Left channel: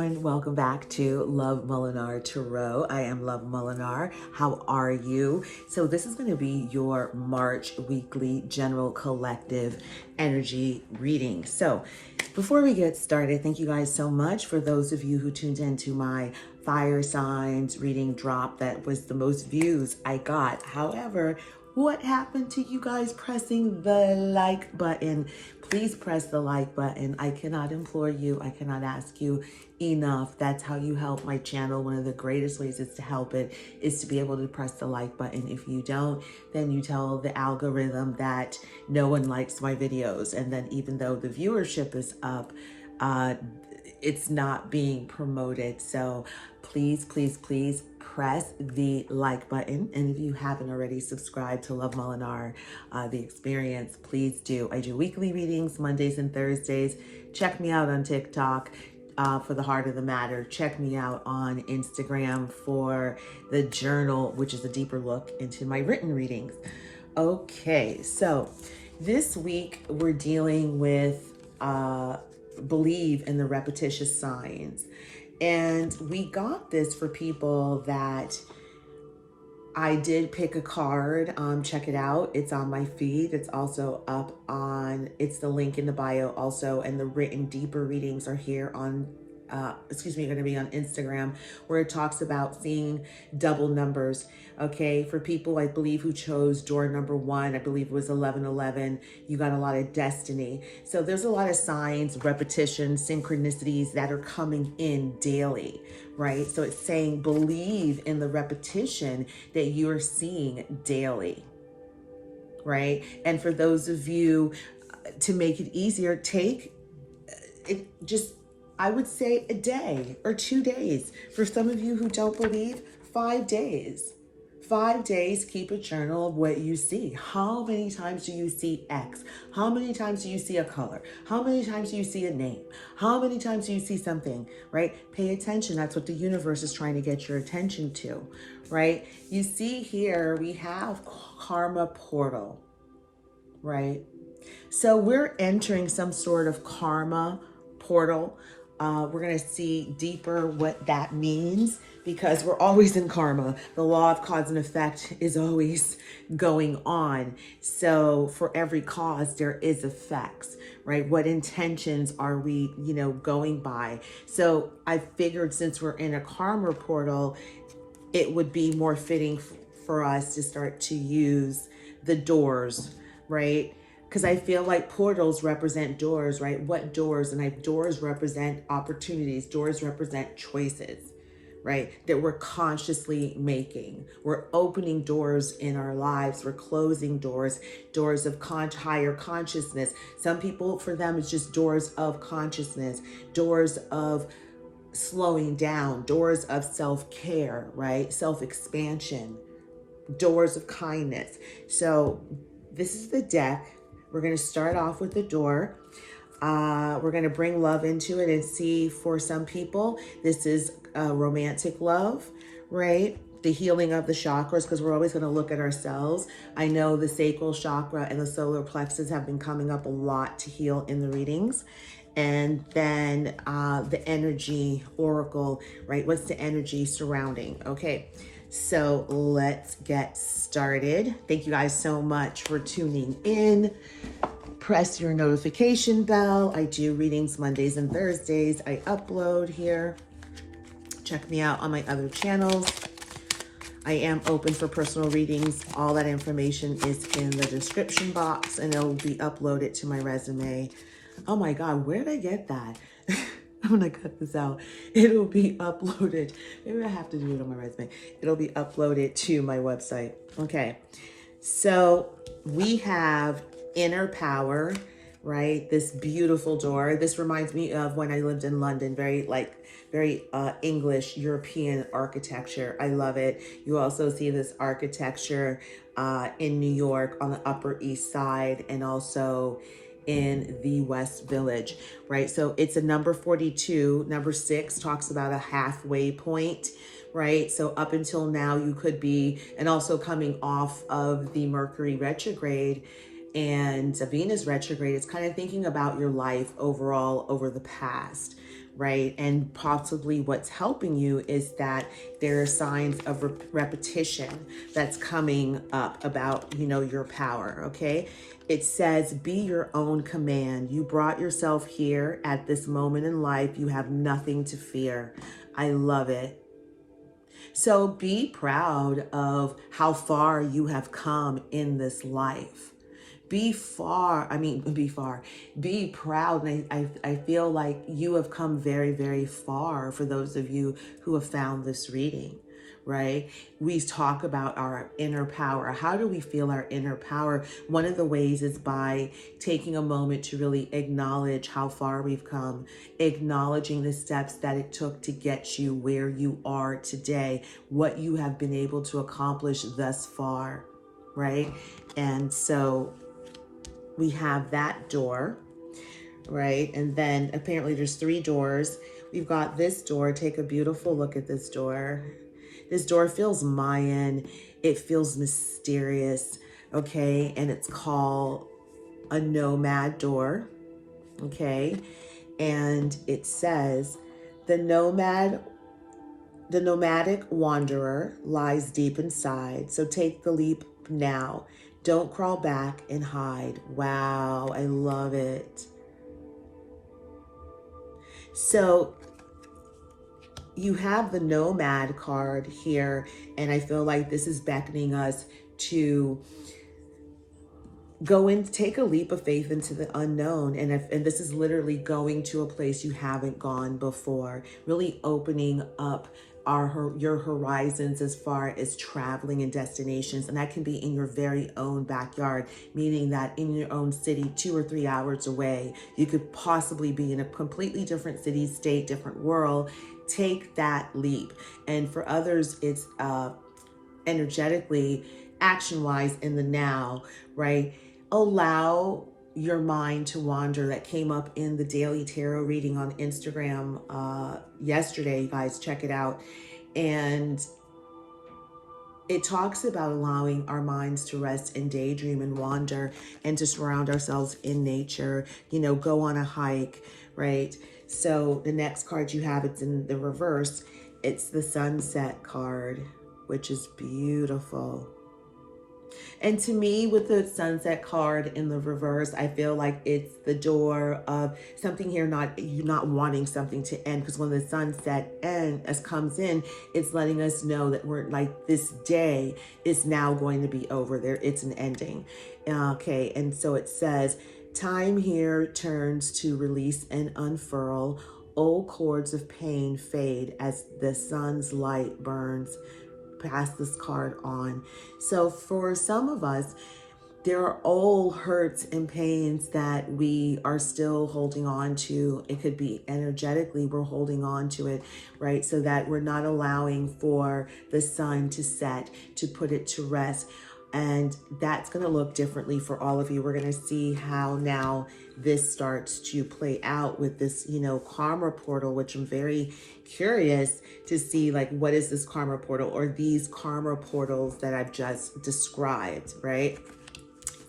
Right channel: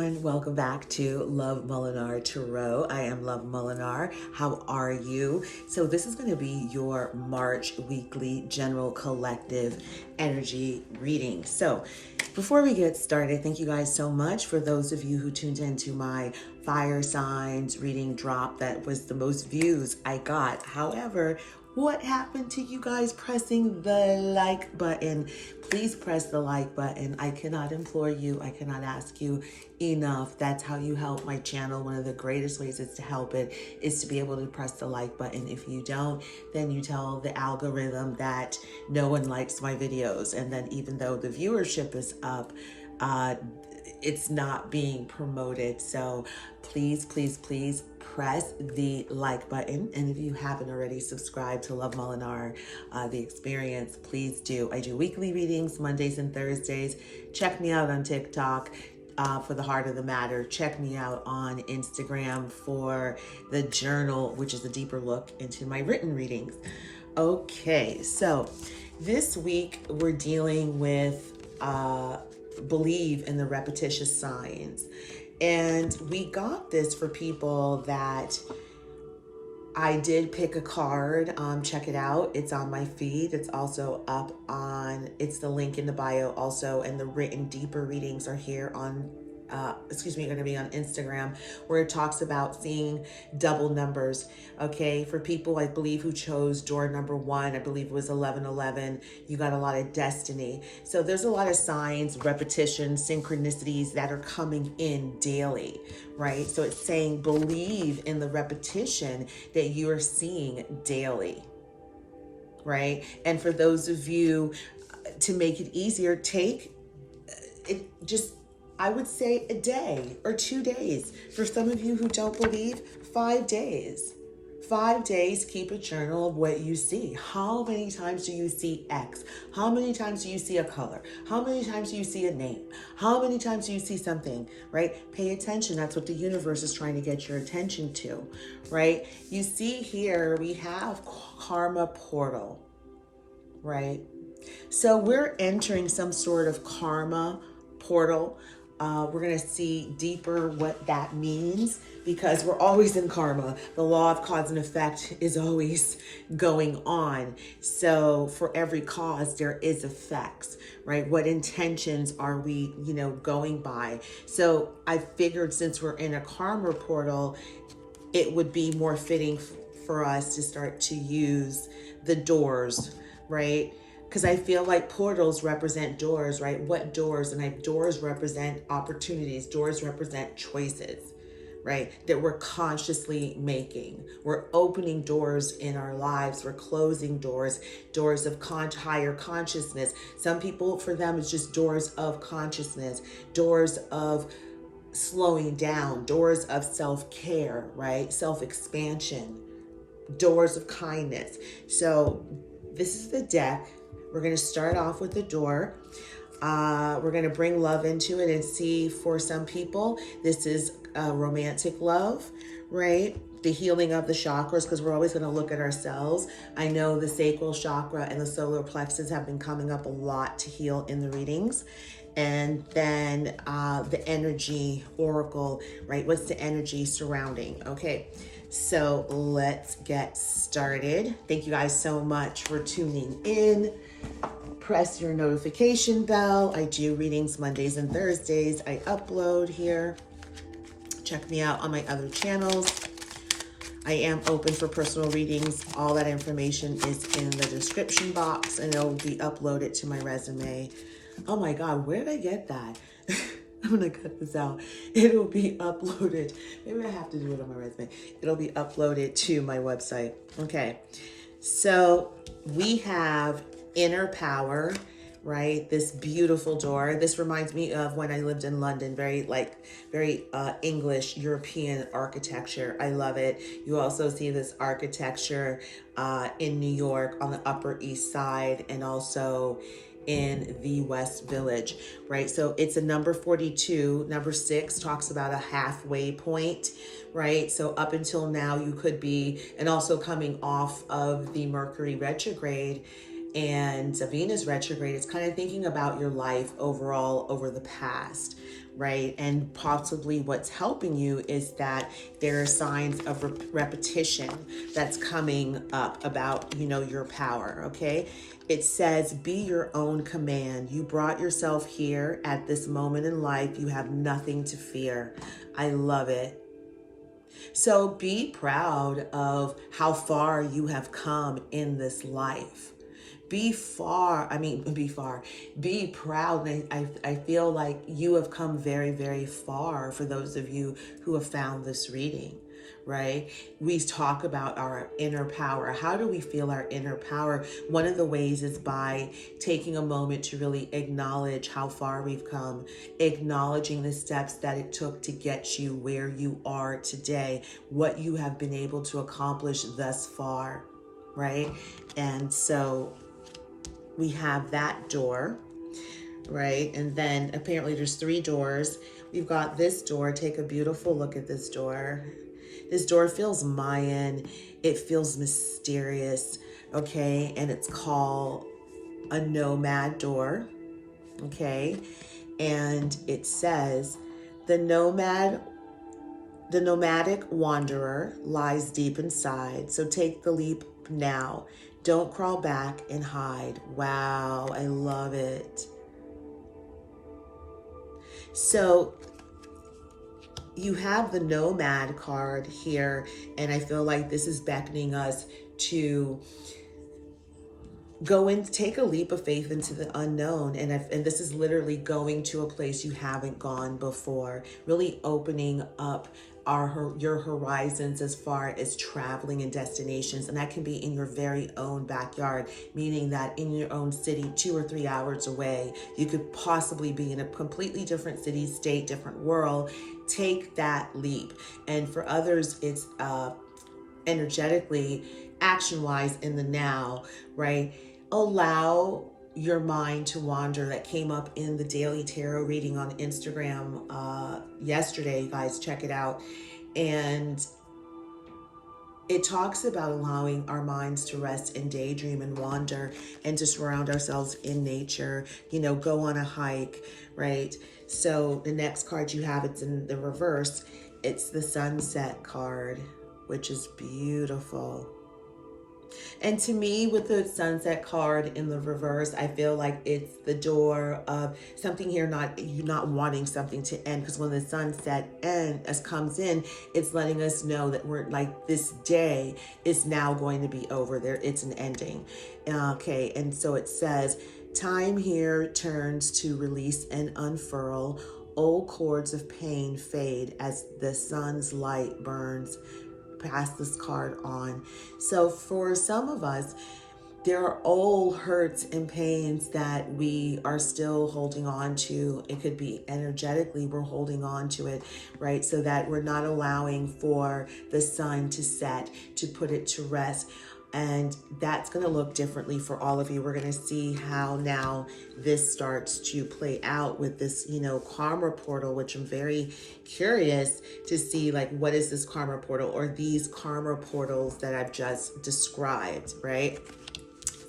everyone, welcome back to Love MOLINAR Tarot. I am Love MOLINAR. How are you? So this is going to be your March weekly general collective energy reading. So before we get started, thank you guys so much for those of you who tuned into my fire signs reading drop. That was the most views I got. However, what happened to you guys pressing the like button? Please press the like button. I cannot implore you. I cannot ask you enough. That's how you help my channel. One of the greatest ways is to help it is to be able to press the like button. If you don't, then you tell the algorithm that no one likes my videos. And then even though the viewership is up, it's not being promoted. So please, please, please press the like button. And if you haven't already subscribed to Love MOLINAR, The Experience, please do. I do weekly readings, Mondays and Thursdays. Check me out on TikTok for the heart of the matter. Check me out on Instagram for the journal, which is a deeper look into my written readings. Okay, so this week we're dealing with believe in the repetitious signs. And we got this for people that I did pick a card. Check it out. It's on my feed. It's also up on, it's the link in the bio also. And the written deeper readings are here on, going to be on Instagram, where it talks about seeing double numbers. Okay, for people, I believe, who chose door number 1, I believe it was 1111, you got a lot of destiny. So there's a lot of signs, repetition, synchronicities that are coming in daily, right? So it's saying believe in the repetition that you're seeing daily, right? And for those of you, to make it easier, take it just, I would say a day or 2 days. For some of you who don't believe, 5 days. 5 days, keep a journal of what you see. How many times do you see X? How many times do you see a color? How many times do you see a name? How many times do you see something, right? Pay attention. That's what the universe is trying to get your attention to, right? You see here, we have karma portal, right? So we're entering some sort of karma portal. We're going to see deeper what that means, because we're always in karma. The law of cause and effect is always going on. So for every cause, there is effects, right? What intentions are we, going by? So I figured since we're in a karma portal, it would be more fitting for us to start to use the doors, right? Because I feel like portals represent doors, right? What doors? And doors represent opportunities. Doors represent choices, right? That we're consciously making. We're opening doors in our lives. We're closing doors, doors of higher consciousness. Some people, for them, it's just doors of consciousness, doors of slowing down, doors of self-care, right? Self-expansion, doors of kindness. So this is the deck. We're going to start off with the door. We're going to bring love into it and see, for some people, this is romantic love, right? The healing of the chakras, because we're always going to look at ourselves. I know the sacral chakra and the solar plexus have been coming up a lot to heal in the readings. And then the energy oracle, right? What's the energy surrounding? Okay. So let's get started. Thank you guys so much for tuning in. Press your notification bell. I do readings Mondays and Thursdays. I upload here. Check me out on my other channels. I am open for personal readings. All that information is in the description box, and it'll be uploaded to my resume. Oh my God, where did I get that? I'm gonna cut this out. It'll be uploaded. Maybe I have to do it on my resume. It'll be uploaded to my website. Okay, so we have inner power, right? This beautiful door. This reminds me of when I lived in London. Very English, European architecture. I love it. You also see this architecture in New York on the Upper East Side, and also in the West Village, right? So it's a number 42. Number 6 talks about a halfway point, right? So up until now, you could be, and also coming off of the Mercury retrograde and Venus retrograde, it's kind of thinking about your life overall over the past, right? And possibly what's helping you is that there are signs of repetition that's coming up about, your power, okay? It says, be your own command. You brought yourself here at this moment in life. You have nothing to fear. I love it. So be proud of how far you have come in this life. Be proud. And I feel like you have come very, very far for those of you who have found this reading, right? We talk about our inner power. How do we feel our inner power? One of the ways is by taking a moment to really acknowledge how far we've come, acknowledging the steps that it took to get you where you are today, what you have been able to accomplish thus far, right? And so we have that door, right? And then apparently there's 3 doors. We've got this door. Take a beautiful look at this door. This door feels Mayan. It feels mysterious, okay? And it's called a nomad door, okay? And it says, the nomadic wanderer lies deep inside. So take the leap now. Don't crawl back and hide. Wow, I love it. So you have the Nomad card here, and I feel like this is beckoning us to go and take a leap of faith into the unknown. And this is literally going to a place you haven't gone before, really opening up your horizons as far as traveling and destinations. And that can be in your very own backyard, meaning that in your own city, 2 or 3 hours away, you could possibly be in a completely different city, state, different world. Take that leap. And for others, it's energetically, action-wise, in the now, right? Allow your mind to wander. That came up in the daily tarot reading on Instagram yesterday. You guys check it out. And it talks about allowing our minds to rest and daydream and wander and to surround ourselves in nature, go on a hike, right? So the next card you have, it's in the reverse. It's the Sunset card, which is beautiful. And to me, with the Sunset card in the reverse, I feel like it's the door of something here, you're not wanting something to end, because when the sunset comes in, it's letting us know that we're like, this day is now going to be over. It's an ending. Okay, and so it says, time here turns to release and unfurl. Old cords of pain fade as the sun's light burns. Pass this card on. So for some of us, there are old hurts and pains that we are still holding on to. It could be energetically we're holding on to it, right? So that we're not allowing for the sun to set, to put it to rest. And that's going to look differently for all of you. We're going to see how now this starts to play out with this, karma portal, which I'm very curious to see, like, what is this karma portal or these karma portals that I've just described, right?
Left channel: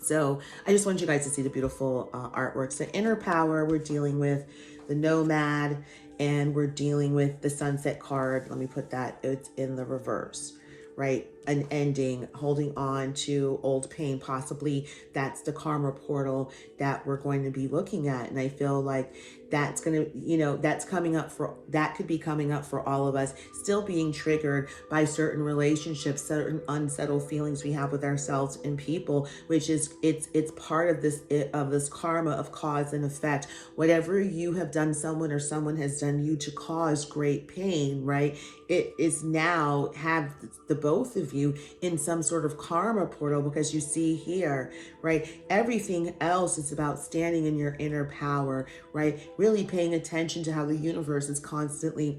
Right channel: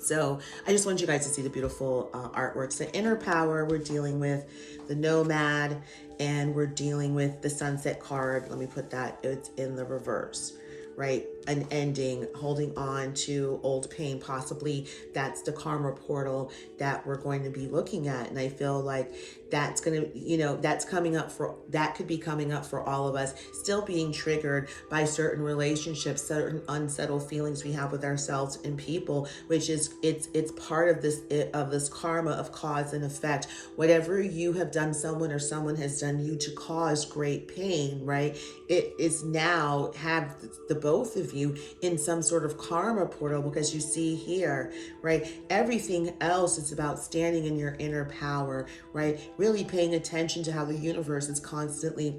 So I just wanted you guys to see the beautiful artworks. The inner power, we're dealing with the nomad, and we're dealing with the sunset card. Let me put that, it's in the reverse, right? An ending, holding on to old pain. Possibly that's the karma portal that we're going to be looking at. And I feel like that's going to, that could be coming up for all of us, still being triggered by certain relationships, certain unsettled feelings we have with ourselves and people, which is, it's part of this karma of cause and effect. Whatever you have done someone or someone has done you to cause great pain, right? It is now have the both of you in some sort of karma portal, because you see here, right? Everything else is about standing in your inner power, right? Really paying attention to how the universe is constantly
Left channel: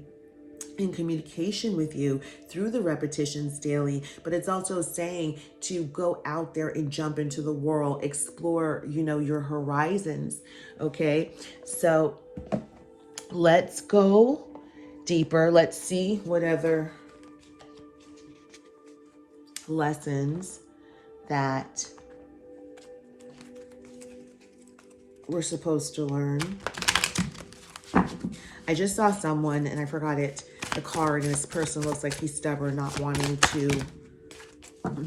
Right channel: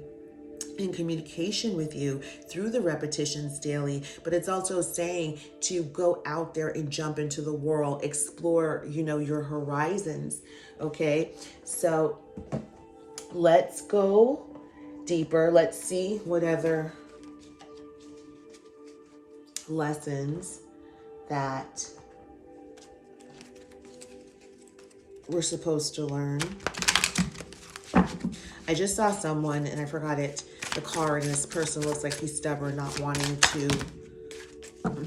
in communication with you through the repetitions daily. But it's also saying to go out there and jump into the world, explore, your horizons. Okay, so let's go deeper. Let's see what other lessons that we're supposed to learn. I just saw someone, and I forgot it, the card, and this person looks like he's stubborn, not wanting to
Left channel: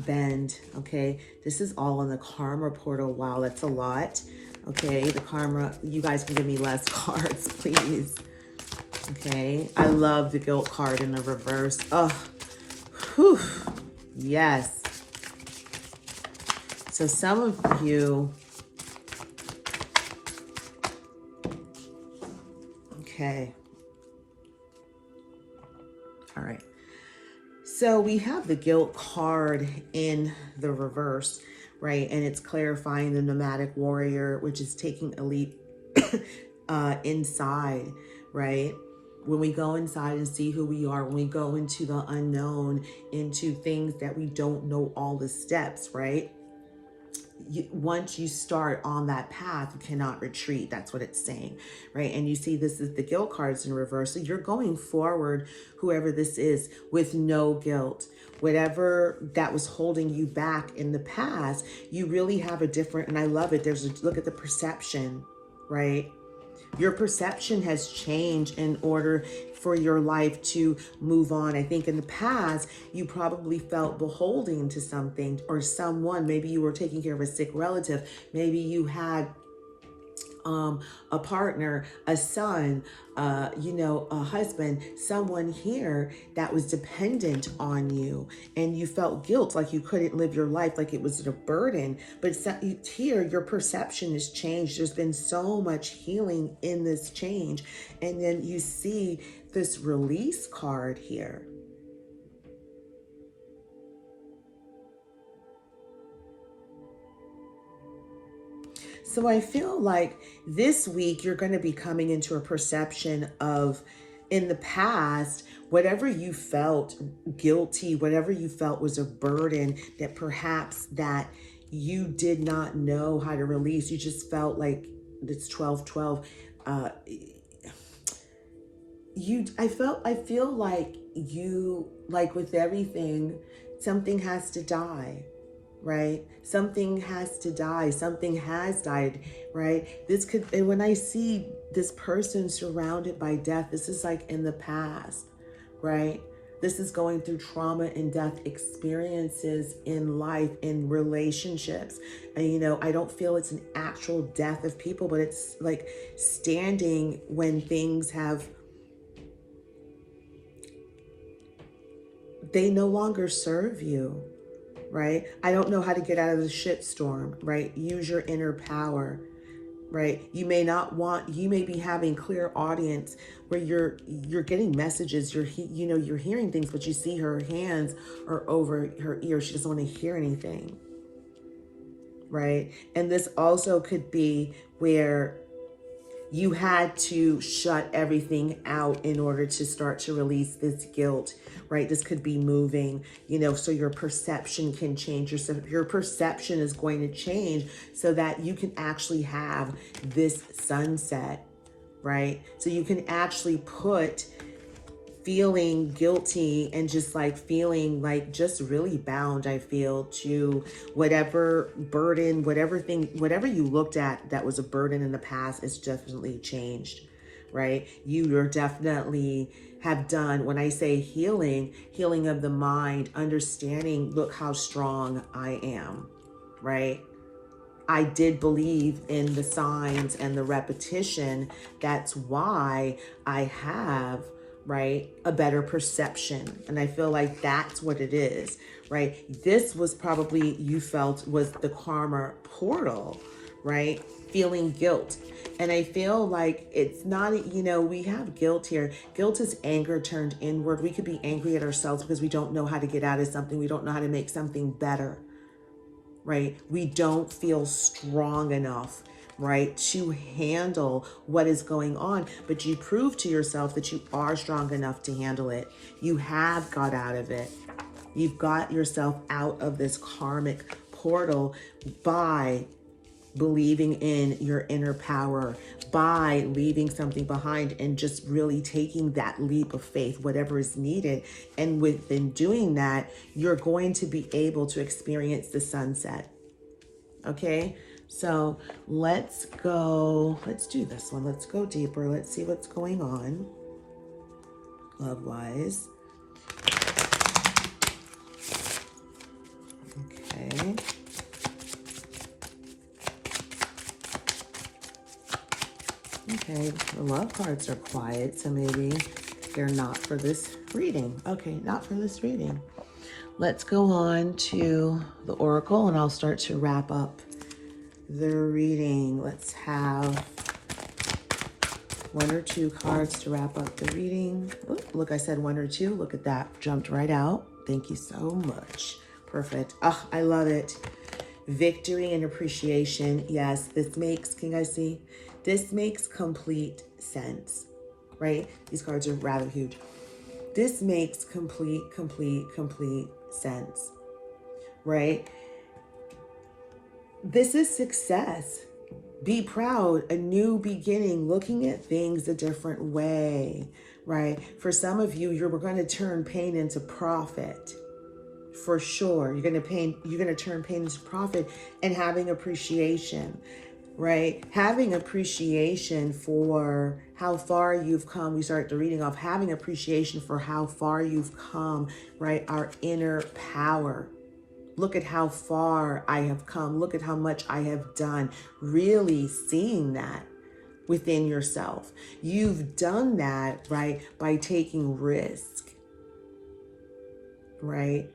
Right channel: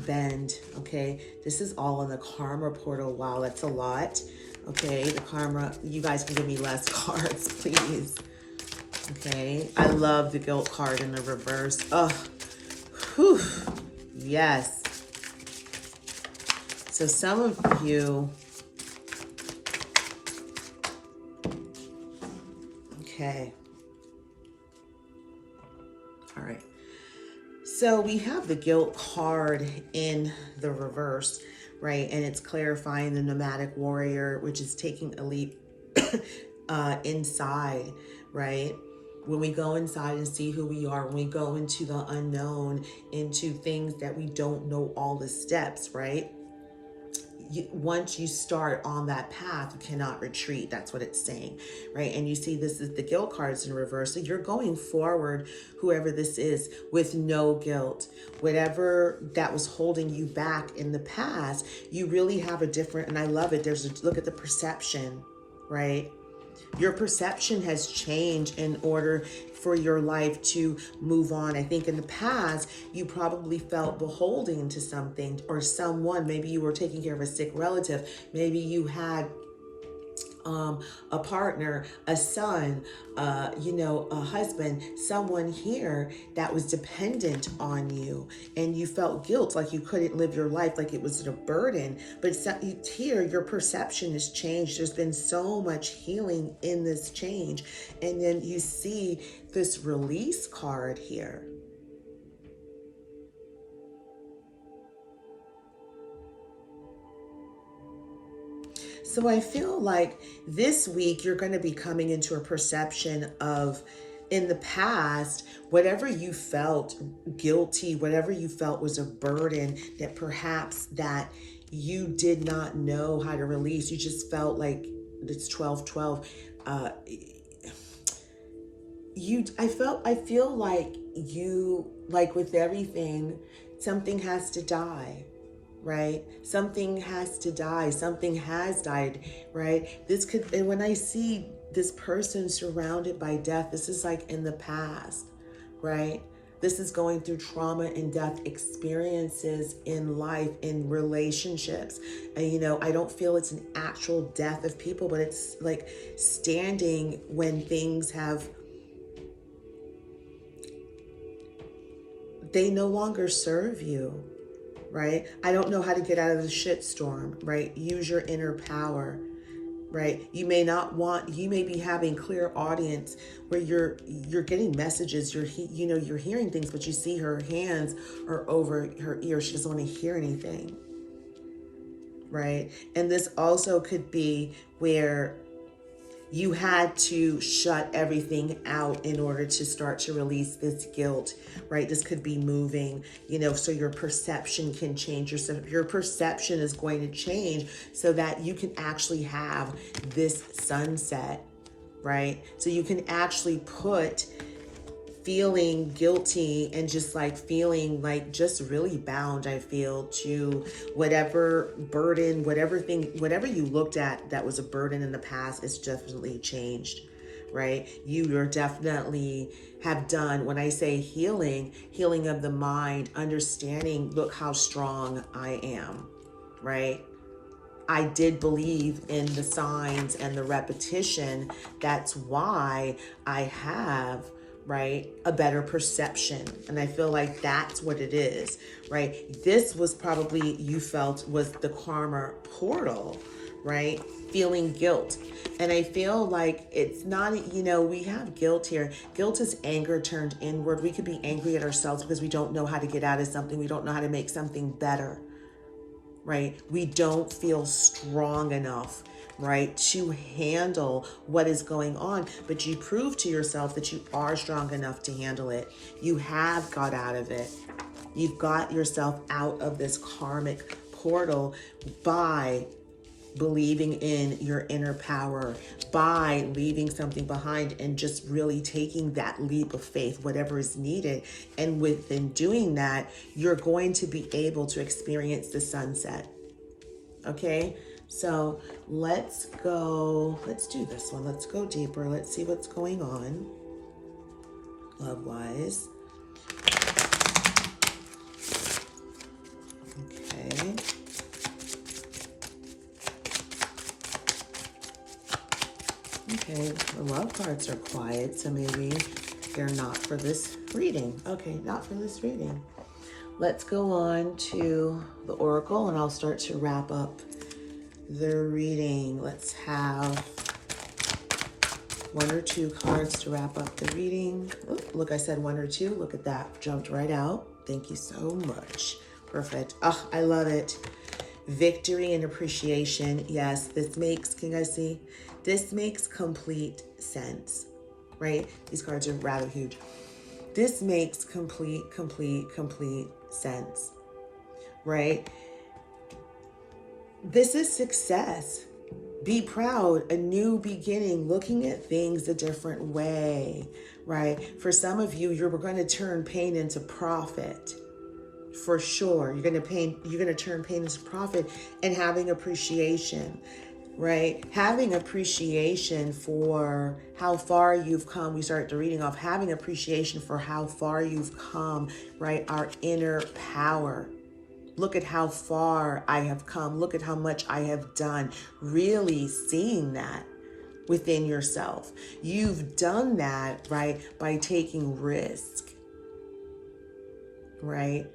bend, okay? This is all in the karma portal. Wow, that's a lot. Okay, the karma, you guys can give me less cards, please. Okay, I love the guilt card in the reverse. Oh, whew, yes. So some of you, okay. All right. So we have the guilt card in the reverse, right? And it's clarifying the nomadic warrior, which is taking a leap inside, right? When we go inside and see who we are, when we go into the unknown, into things that we don't know all the steps, right? Once you start on that path, you cannot retreat. That's what it's saying, right? And you see this is the guilt cards in reverse. So you're going forward, whoever this is, with no guilt. Whatever that was holding you back in the past, you really have a different, and I love it. There's a look at the perception, right? Your perception has changed in order for your life to move on. I think in the past, you probably felt beholden to something or someone. Maybe you were taking care of a sick relative. Maybe you had a partner, a son, a husband, someone here that was dependent on you, and you felt guilt, like you couldn't live your life, like it was a burden. But here, your perception has changed. There's been so much healing in this change. And then you see this release card here. So I feel like this week you're going to be coming into a perception of, in the past, whatever you felt guilty, whatever you felt was a burden that perhaps that you did not know how to release. You just felt like it's 12-12. I feel like you, like with everything, something has to die. Right? Something has to die. Something has died, right? This could, and when I see this person surrounded by death, this is like in the past, right? This is going through trauma and death experiences in life, in relationships. And, I don't feel it's an actual death of people, but it's like standing when things have, they no longer serve you. Right? I don't know how to get out of the shitstorm, right? Use your inner power, right? You may be having clear audience where you're getting messages, you're hearing things, but you see her hands are over her ear. She doesn't want to hear anything, right? And this also could be where you had to shut everything out in order to start to release this guilt, right? This could be moving, so your perception can change. Your perception is going to change so that you can actually have this sunset, right? So you can actually put feeling guilty and just like feeling like just really bound, I feel, to whatever burden, whatever you looked at that was a burden in the past, it's definitely changed, right? You're definitely have done, when I say healing of the mind, understanding, look how strong I am, right? I did believe in the signs and the repetition. That's why I have, right, a better perception. And I feel like that's what it is, right? This was probably, you felt, was the karma portal, right? Feeling guilt. And I feel like it's not, we have guilt here. Guilt is anger turned inward. We could be angry at ourselves because we don't know how to get out of something. We don't know how to make something better, right? We don't feel strong enough, right, to handle what is going on. But you prove to yourself that you are strong enough to handle it. You have got out of it. You've got yourself out of this karmic portal by believing in your inner power, by leaving something behind and just really taking that leap of faith, whatever is needed. And within doing that, you're going to be able to experience the sunset. Okay? So let's go, let's do this one. Let's go deeper. Let's see what's going on love-wise. Okay. Okay, the love cards are quiet, so maybe they're not for this reading. Okay, not for this reading. Let's go on to the oracle, and I'll start to wrap up the reading. Let's have one or two cards to wrap up the reading. Oop, look, I said one or two. Look at that. Jumped right out. Thank you so much. Perfect. Oh, I love it. Victory and appreciation. Yes, this makes, can you guys see? This makes complete sense, right? These cards are rather huge. This makes complete sense, right? This is success. Be proud, a new beginning, looking at things a different way, right? For some of you, you're going to turn pain into profit. For sure. You're going to turn pain into profit, and having appreciation, right? Having appreciation for how far you've come. We start the reading off having appreciation for how far you've come, right? Our inner power. Look at how far I have come. Look at how much I have done. Really seeing that within yourself. You've done that, right, by taking risk, right?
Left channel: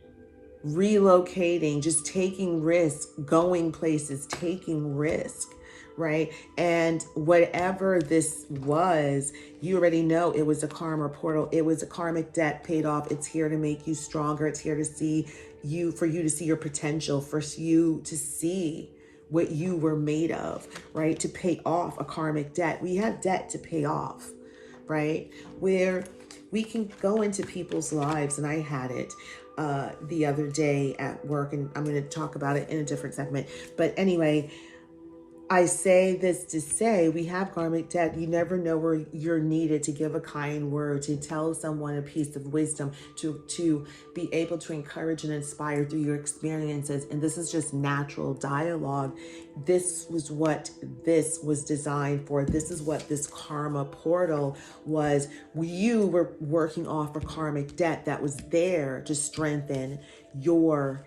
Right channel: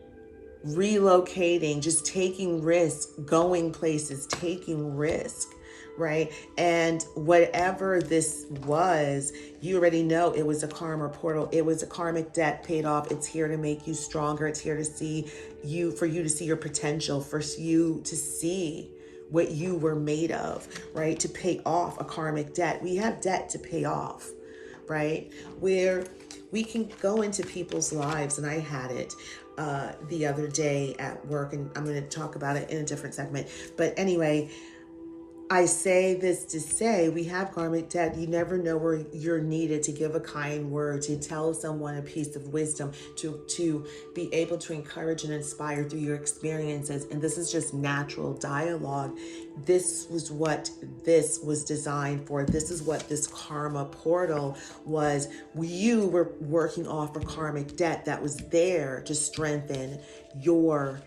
Relocating, just taking risk, going places, taking risk, right? And whatever this was, you already know it was a karma portal. It was a karmic debt paid off. It's here to make you stronger. It's here to see you, for you to see your potential, for you to see what you were made of, right? To pay off a karmic debt. We have debt to pay off, right? Where we can go into people's lives, and I had it the other day at work, and I'm going to talk about it in a different segment. But anyway, I say this to say we have karmic debt. You never know where you're needed to give a kind word, to tell someone a piece of wisdom, to be able to encourage and inspire through your experiences. And this is just natural dialogue. This was what this was designed for. This is what this karma portal was. You were working off a karmic debt that was there to strengthen your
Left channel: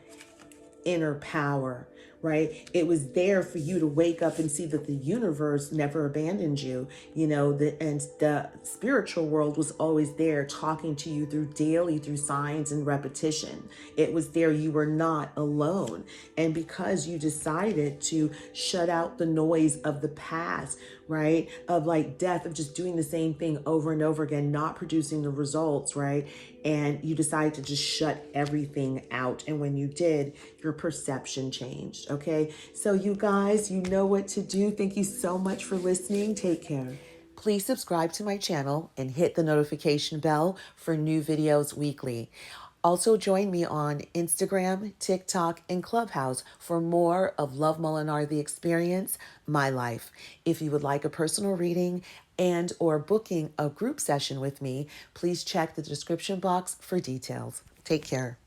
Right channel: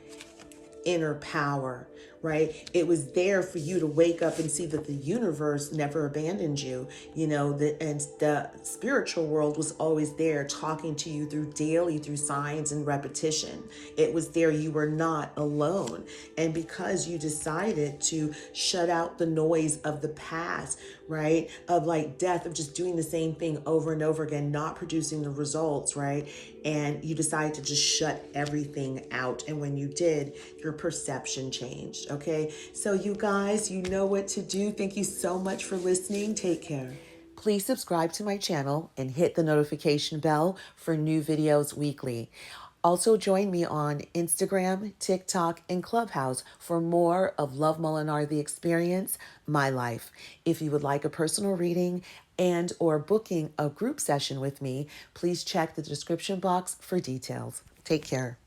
inner power, right? It was there for you to wake up and see that the universe never abandoned you, you know, and the spiritual world was always there talking to you through signs and repetition. It was there. You were not alone. And because you decided to shut out the noise of the past, right? Of like death, of just doing the same thing over and over again, not producing the results, right? And you decided to just shut everything out. And when you did, your perception changed, okay? So you guys, you know what to do. Thank you so much for listening. Take care. Please subscribe to my channel and hit the notification bell for new videos weekly. Also join me on Instagram, TikTok, and Clubhouse for more of Love Molinar, The Experience, My Life. If you would like a personal reading and or booking a group session with me, please check the description box for details. Take care.